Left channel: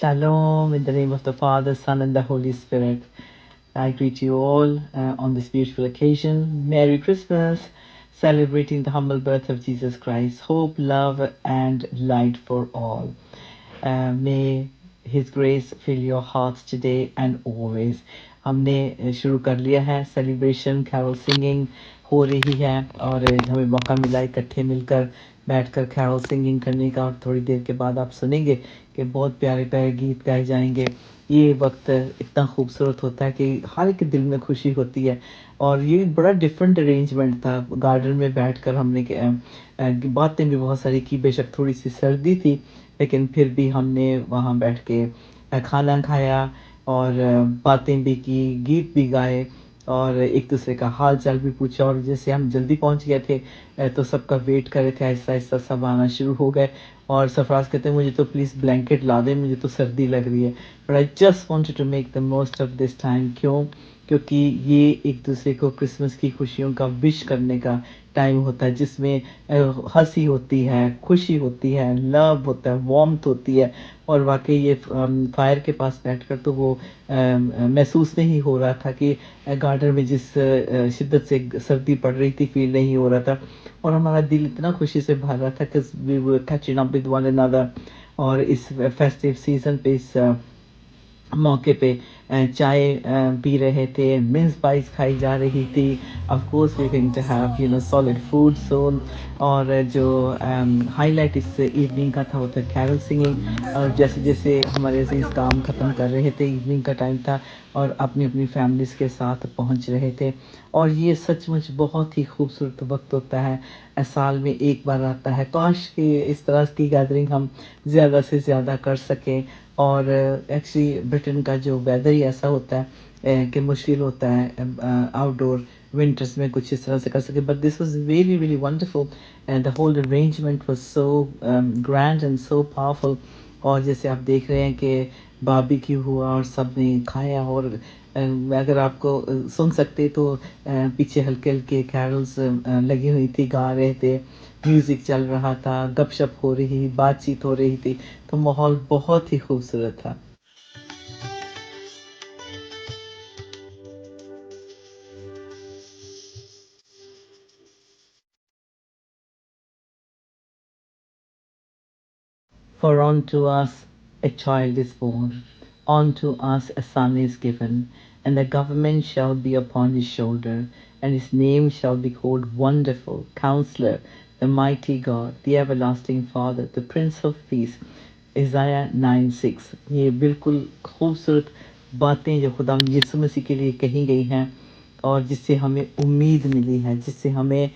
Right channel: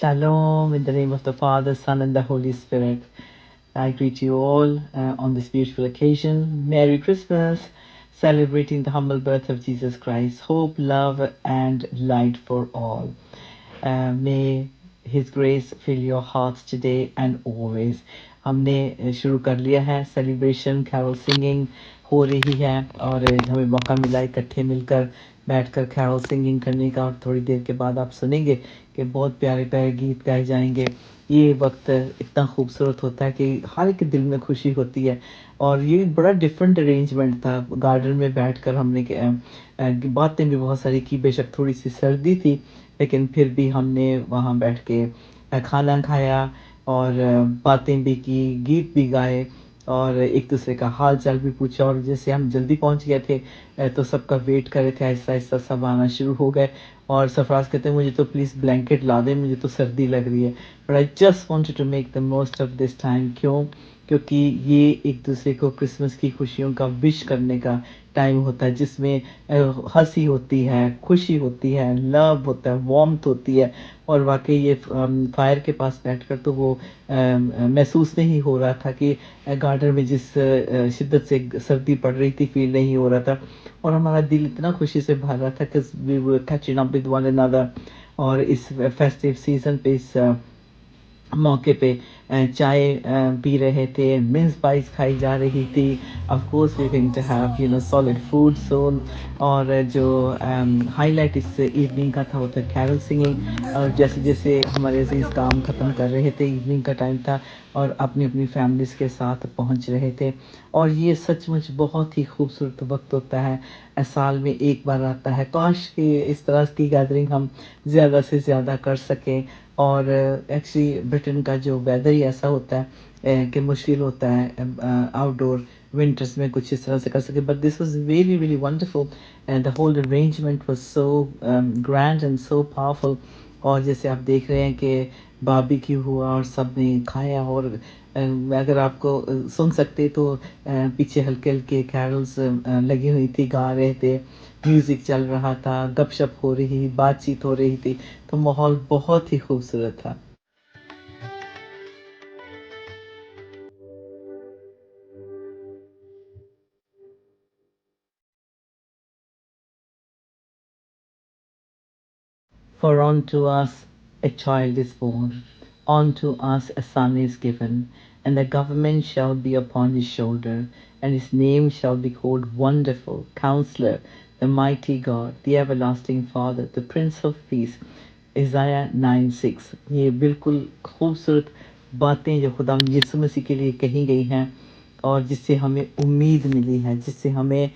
Shalom in the name of the Father, Son, and the Holy Spirit. I greet you all on this beautiful occasion. Merry Christmas, celebrating the humble birth of Jesus Christ. Hope, love, and light for all. May His grace fill your hearts today and always. हमने शुरू कर लिया है celebration, Carol singing हो रही है और हमें मौका मिला इकट्ठे मिलकर बैठकर कैरल सिंगिंग करने का। और थोड़ी देर के बाद आप सुनेंगे कि बहुत प्यारे प्यारे गीत गाए जाएंगे। ये वक्त इतना खूबसूरत होता है कि हर एक दिल में खुशी होती है। और ये बड़ा डिफरेंट अरेंजमेंट था। गार्डन में बैठकर हमने बातें भी बहुत सारी की। बेशक थोड़ी सी सर्दी थी, लेकिन फिर भी हमने वहाँ बैठ के खाना खाया और बातें भी की, गीत भी गाए और एक दूसरे का हाल चाल भी पूछा। और जैसे हम जल्दी पहुँच गए थे तो सबका वेट कर रहे थे। आहिस्ता आहिस्ता सब आना शुरू हो गए और सरफराज कहते हैं मुझे तो प्लीज़ ब्लैंकेट ला दें, मुझे तो सर्दी लग रही है। But I just wanted to make the most of this time. क्यों? क्योंकि ये एक दूसरे को क्रिसमस की खुशियों का विश करने का टाइम होता है, जिसमें हंसी होती है, खुशी होती है, लव होता है, वार्मथ होती है। और वाकई ये फायर के पास बैठकर तो वो महसूस नहीं हो रहा था कि गार्डन में जिस शिद्दत से सर्दी पड़ रही थी फील नहीं हो रहा था। और हमारा दिल इतना खुशी से भर रहा था कि we were catching up with one another. और इस फेस्टिव सीजन पे इस मौके पे चाय पी रहे थे, मिन्स पाइस खाई जा रही थी। Of course we going to have solid food soon. और जो हाईलाइट इस इवनिंग का था वो था कैरल सिंगिंग। और जैसे जैसे हमारे अजीज काम ख़त्म कर रहे थे, इवनिंग का टाइम था और अपनी अपनी फैमिलीज़ के साथ पहुंच रहे थे। और ये सचमुच बहुत ही खूबसूरत वक्त होता है, साल में एक बार आता है। काश कि इस तरह की गैदरिंग हम ज़्यादा से ज़्यादा कर सकें। और एक्चुअली ब्रिटेन का जो वेदर ही ऐसा होता है कि मुश्किल होता है आउटडोर विंटर्स में कुछ इस तरह से कर सके। But this was really really wonderful and the whole arrangement was so grand and so powerful. और जैसे आप देख रहे हैं कि बारबेक्यू हुआ और सब ने खाया। और अगर आपको सुन सकते तो पीछे हल्के हल्के कैरल्स लगी हुई थी, गा रहे थे, म्यूज़िक चल रहा था, गपशप हो रही, बातचीत हो रही थी। तो माहौल बहुत ही खूबसूरत था। For unto us a child is born, unto us a son is given, and the government shall be upon his shoulder, and his name shall be called Wonderful, Counselor, the Mighty God, the Everlasting Father, the Prince of Peace। Isaiah 9:6। ये बिल्कुल खूबसूरत बातें जो खुदा यीशु मसीह के लिए कही गई हैं और जिससे हमें उम्मीद मिली है, जिससे हमें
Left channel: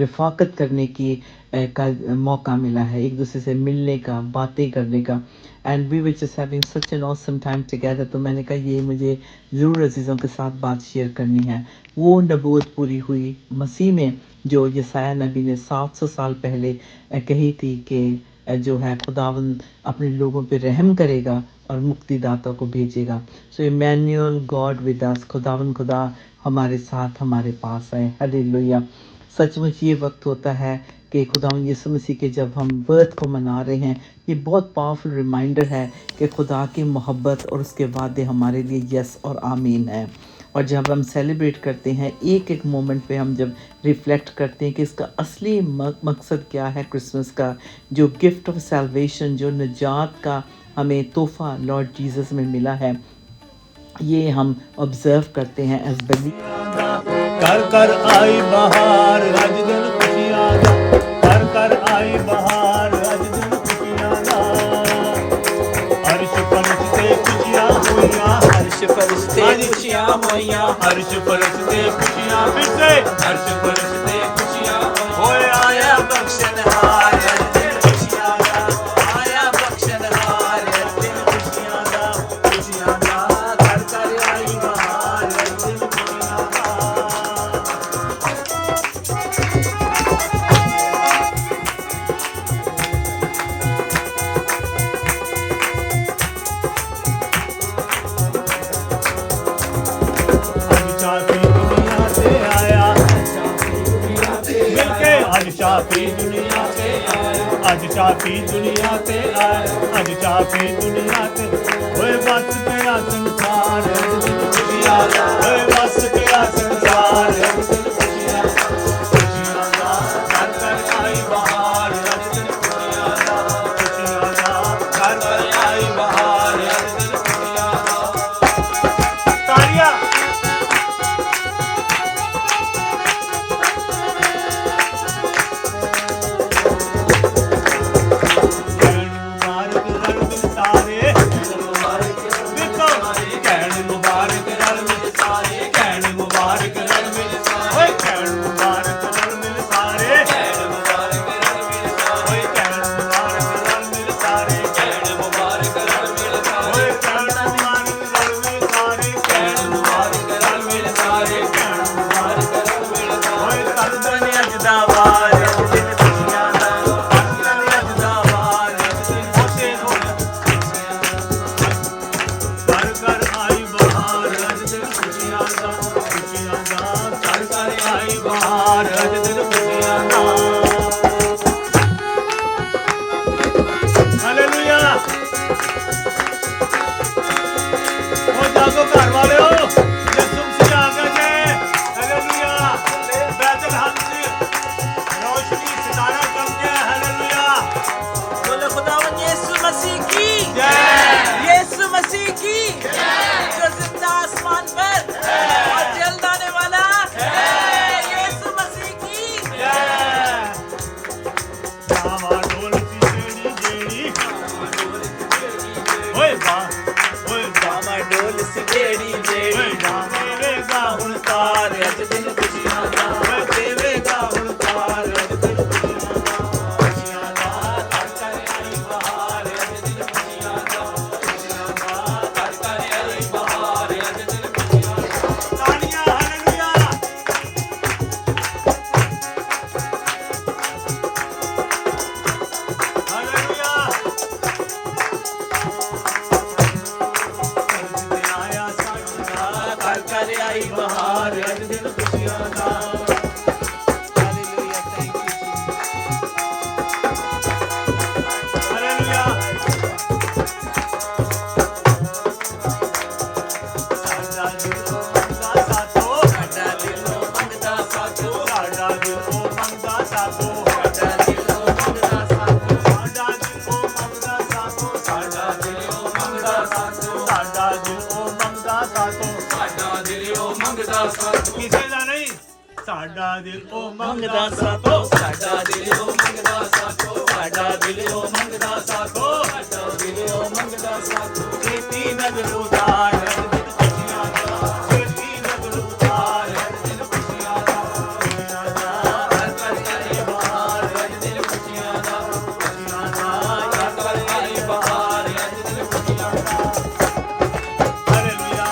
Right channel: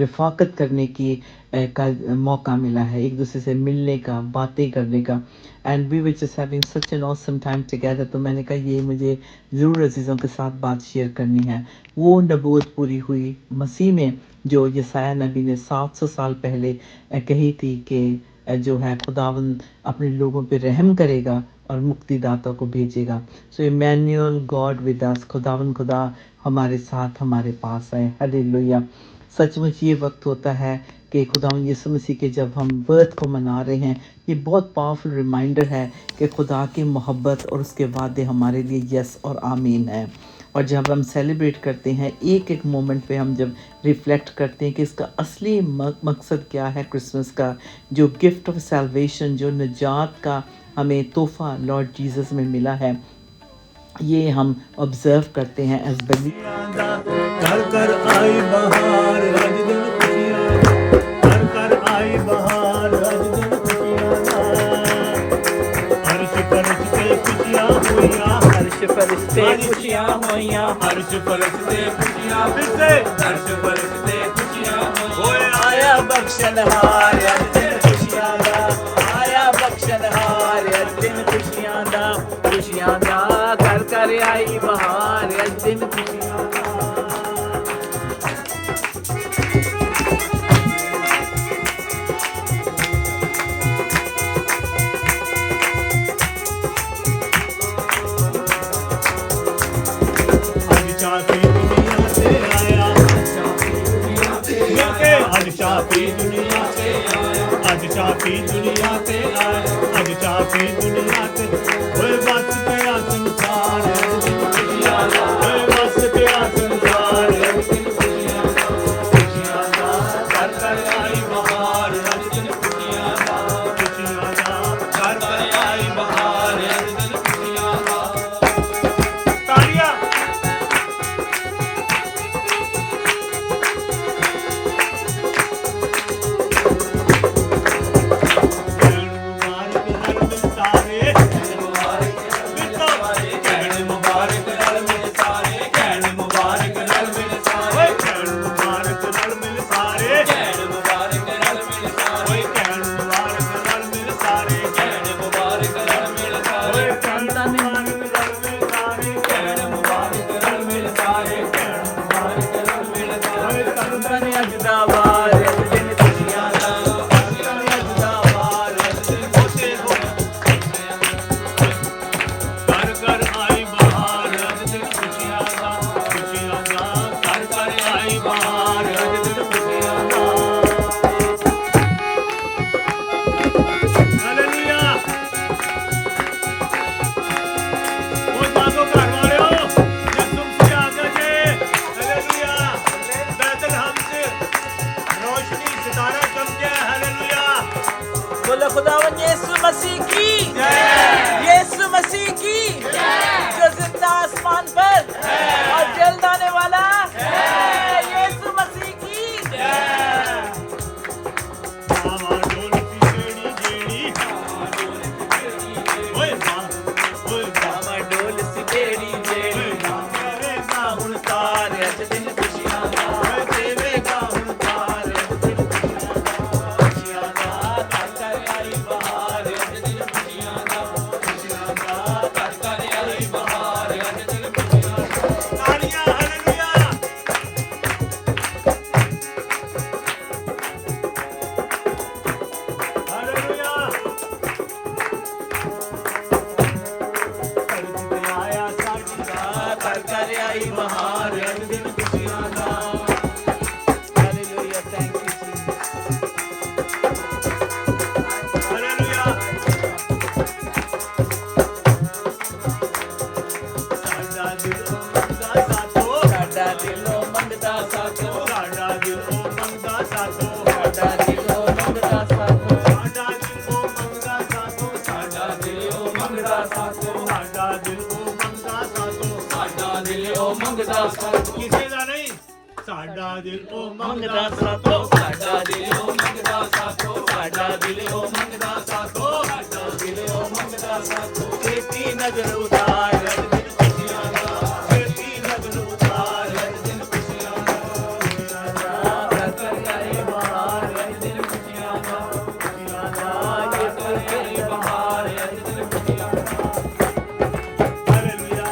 रफ़ाकत करने की का मौका मिला है, एक दूसरे से मिलने का, बातें करने का। And we were just having such an awesome time together. तो मैंने कहा ये मुझे ज़रूर अजीज़ों के साथ बात शेयर करनी है। वो नबूवत पूरी हुई मसीह में जो यसाया नबी ने 700 साल पहले कही थी कि जो है खुदावंद अपने लोगों पे रहम करेगा और मुक्तिदाता को भेजेगा। सो इमैनुअल गॉड विद अस, खुदावंद खुदा हमारे साथ हमारे पास है। हालेलुया। सचमुच ये वक्त होता है कि खुदावंद यीशु मसीह के जब हम बर्थ को मना रहे हैं, ये बहुत पावरफुल रिमाइंडर है कि खुदा की मोहब्बत और उसके वादे हमारे लिए यस और आमीन है। और जब हम सेलिब्रेट करते हैं एक एक मोमेंट पे, हम जब रिफ्लेक्ट करते हैं कि इसका असली मकसद क्या है क्रिसमस का, जो गिफ्ट ऑफ सैल्वेशन, जो निजात का हमें तोहफ़ा लॉर्ड जीसस में मिला है, ये हम ऑब्जर्व करते हैं एज बली। कर कर आई बहार रज दिन खुशियां दा, कर कर आई बहार रज दिन खुशियां दा। हर्ष फरिश्ते खुशियां होइयां, हर्ष फरिश्ते खुशियां होइयां, हर्ष फरिश्ते खुशियां फिर से, हर्ष फरिश्ते खुशियां होइयां। आया बख्शनहार रज दिन खुशियां दा, आया बख्शनहार रज दिन खुशियां दा, खुशियां दा। कर कर आई बहार रज दिन खुशियां दा। चाहती दुनिया ਅੱਜ ਚਾਪੀ ਦੁਨੀਆ ਤੇ ਆਇਆ, ਅੱਜ ਚਾਪੀ ਦੁਨੀਆ ਤੇ ਆਇਆ, ਅੱਜ ਚਾਪੀ ਦੁਨੀਆ ਤੇ ਓਏ ਬਸ ਪਿਆ ਸੰਸਾਰ ਖੁਸ਼ੀਆਂ ਦਾ, ਓਏ ਬਸ ਪਿਆ ਸੰਸਾਰ ਖੁਸ਼ੀਆਂ ਦਾ, ਘਰ ਘਰ ਆਈ ਬਹਾਰ ਅੱਜ ਦਿਨ ਖੁਸ਼ੀਆਂ ਦਾ, ਖੁਸ਼ੀਆਂ ਦਾ ਘਰ ਘਰ ਆਈ ਬਹਾਰ ਅੱਜ ਦਿਨ ਖੁਸ਼ੀਆਂ ਦਾ। ਤਾੜੀਆਂ खुदावन यीशु मसीह की यीशु मसीह की जो जिंदा आसमान पर और जल्द आने वाला यीशु मसीह की डोल सी बेड़ी बेड़ी देवेगा उनकार अज दिन खुशियां दा देवेगा उनकार अज दिन खुशियां दा खुशियां दा कर कर आई बहार अज दिन खुशियां दा खुशियां दा कर कर आई बहार अज दिन खुशियां दा तालियां हालेलुया हालेलुया कर कर आई बहार अज दिन खुशियां दा हालेलुया थैंक यू हालेलुया साडा दिल ओ मंगदा साथो, साडा दिल ओ मंगदा साथो साडा दिल ओ मंगदा साथो, साडा दिल ओ मंगदा साथो साडा दिल ओ मंगदा साथो, साडा दिल ओ मंगदा साथो ਸਾਡਾ ਦਿਲ ਉਹ ਮੰਗਦਾ ਸਾਥੋ, ਕਿਸੇ ਦਾ ਨਹੀਂ ਸਾਡਾ ਦਿਲ ਉਹ ਮੰਗਦਾ ਸਾਥੋ, ਸਾਡਾ ਦਿਲ ਉਹ ਮੰਗਦਾ ਸਾਥੋ, ਸਾਡਾ ਦਿਲ ਉਹ ਮੰਗਦਾ ਸਾਥੋ, ਸਾਡਾ ਦਿਲ ਉਹ ਮੰਗਦਾ ਸਾਥੋ। ਛੇਤੀ ਨਜ਼ਰ ਉਤਾਰ ਅਜ ਦਿਨ ਖੁਸ਼ੀਆਂ ਦਾ ਛੇਤੀ ਨਜ਼ਰ ਉਤਾਰ ਅਜ ਦਿਨ ਖੁਸ਼ੀਆਂ ਦਾ ਖੁਸ਼ੀਆਂ ਦਾ ਕਰ ਕਰ ਆਈ ਬਹਾਰ ਅੱਜ ਦਿਨ ਖੁਸ਼ੀਆਂ ਦਾ, ਖੁਸ਼ੀਆਂ ਦਾ ਕਰ ਕਰ ਆਈ ਬਹਾਰ ਅੱਜ ਦਿਨ ਖੁਸ਼ੀਆਂ ਦਾ। ਹਾਲੇਲੂਇਆ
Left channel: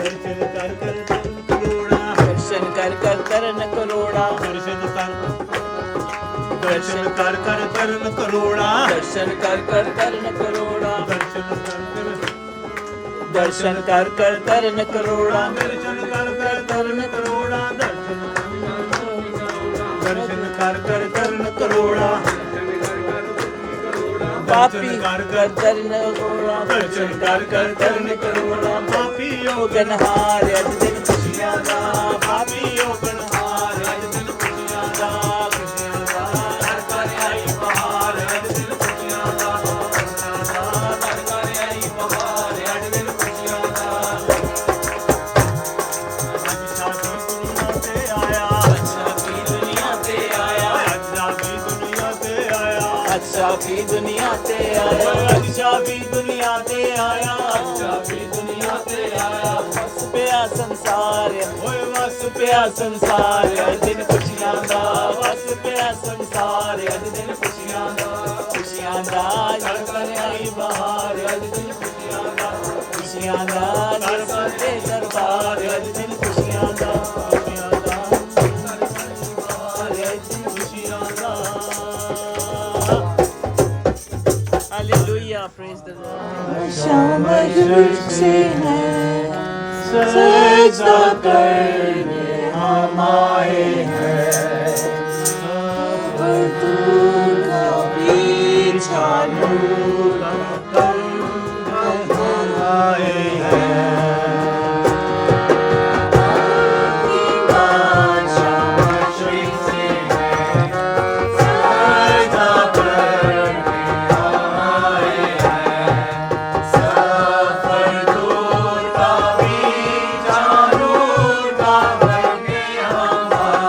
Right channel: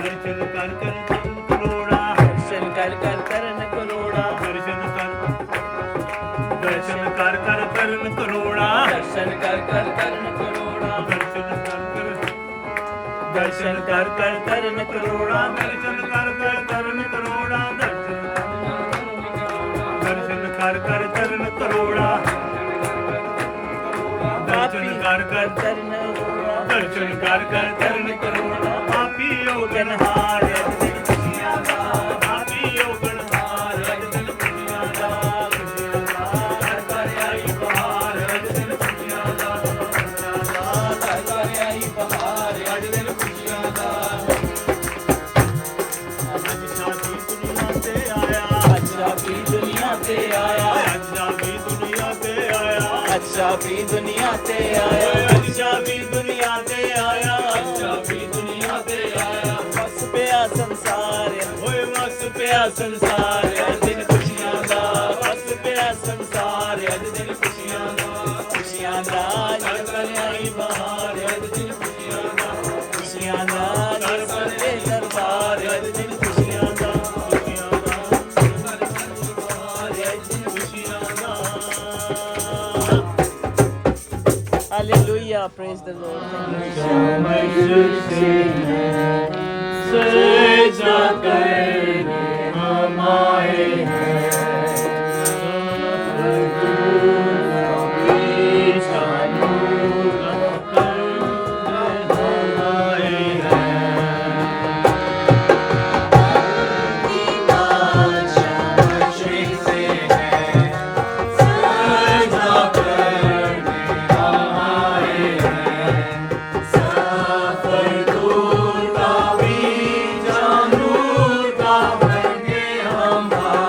ਦਰਸ਼ਨ ਕਰ ਕਰ ਤਨ ਕਰੋੜਾ ਦਰਸ਼ਨ ਕਰ ਕਰ ਕਰਨ ਕਰੋੜਾ, ਦਰਸ਼ਨ ਕਰ ਕਰ ਕਰਨ ਕਰੋੜਾ ਦਰਸ਼ਨ ਕਰ ਕਰ ਕਰਨ ਕਰੋੜਾ, ਦਰਸ਼ਨ ਕਰ ਕਰ ਕਰਨ ਕਰੋੜਾ ਦਰਸ਼ਨ ਕਰ ਕਰ ਕਰਨ ਕਰੋੜਾ, ਦਰਸ਼ਨ ਕਰ ਕਰ ਕਰਨ ਕਰੋੜਾ ਪਾਪੀ ਕਰ ਕਰ ਕਰ ਕਰਨ ਕਰੋੜਾ, ਦਰਸ਼ਨ ਕਰ ਕਰ ਕਰਨ ਕਰੋੜਾ ਪਾਪੀ ਯੋਗਨਹਾਰ ਅਜ ਦਿਨ ਖੁਸ਼ੀਆਂ ਦਾ ਪਾਪੀ ਯੋਗਨਹਾਰ ਅਜ ਦਿਨ ਖੁਸ਼ੀਆਂ ਦਾ ਖੁਸ਼ੀਆਂ ਦਾ ਕਰ ਕਰ ਆਈ ਬਹਾਰ ਅਜ ਦਿਨ ਖੁਸ਼ੀਆਂ ਦਾ ਖੁਸ਼ੀਆਂ ਦਾ ਕਰ ਕਰ ਆਈ ਬਹਾਰ ਅਜ ਦਿਨ ਖੁਸ਼ੀਆਂ ਦਾ ਅੱਜ ਸਾਡੀ ਦੁਨੀਆ ਤੇ ਆਇਆ ਸਾਡੀ ਦੁਨੀਆ ਤੇ ਆਇਆ, ਅੱਜ ਸਾਡੀ ਦੁਨੀਆ ਤੇ ਆਇਆ ਅੱਛਾ ਵੀ ਦੁਨੀਆ ਤੇ ਆਇਆ, ਅੱਜ ਸਾਡੀ ਦੁਨੀਆ ਤੇ ਆਇਆ ਸਾਡੀ ਦੁਨੀਆ ਤੇ ਆਇਆ, ਵਸ ਪਿਆ ਸੰਸਾਰ ਓਏ ਵਸ ਪਿਆ ਸੰਸਾਰ ਅੱਜ ਦਿਨ ਖੁਸ਼ੀਆਂ ਦਾ ਵਸ ਪਿਆ ਸੰਸਾਰ ਅੱਜ ਦਿਨ ਖੁਸ਼ੀਆਂ ਦਾ ਖੁਸ਼ੀਆਂ ਦਾ ਜਸ਼ਨ ਆਈ ਬਹਾਰ ਅੱਜ ਦਿਨ ਖੁਸ਼ੀਆਂ ਦਾ ਖੁਸ਼ੀਆਂ ਦਾ ਜਸ਼ਨ ਦੇ ਦਰਬਾਰ ਅੱਜ ਦਿਨ ਖੁਸ਼ੀਆਂ ਦਾ ਖੁਸ਼ੀਆਂ ਦਾ ਦਰਬਾਰ ਅੱਜ ਦਿਨ ਖੁਸ਼ੀਆਂ ਦਾ hallelujah Hallelujah. Praise the Lord. Shyam तुझ से है सजदा करने हम आए हैं अब तू कभी छानू हम आए हैं आपकी श्याम तुझ से है सजदा करने हम आए हैं सफर दूर का भी जानूर का बनके हम आए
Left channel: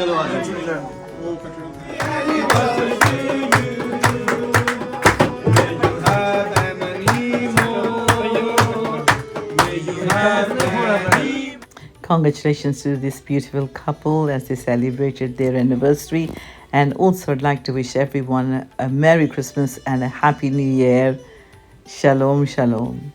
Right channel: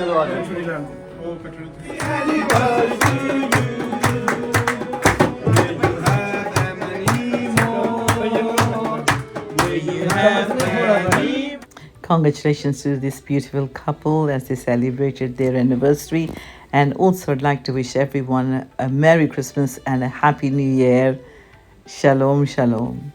चलो आ जाओ। Congratulations to this beautiful couple as they celebrated their anniversary. And also, I'd like to wish everyone a Merry Christmas and a Happy New Year. Shalom, shalom.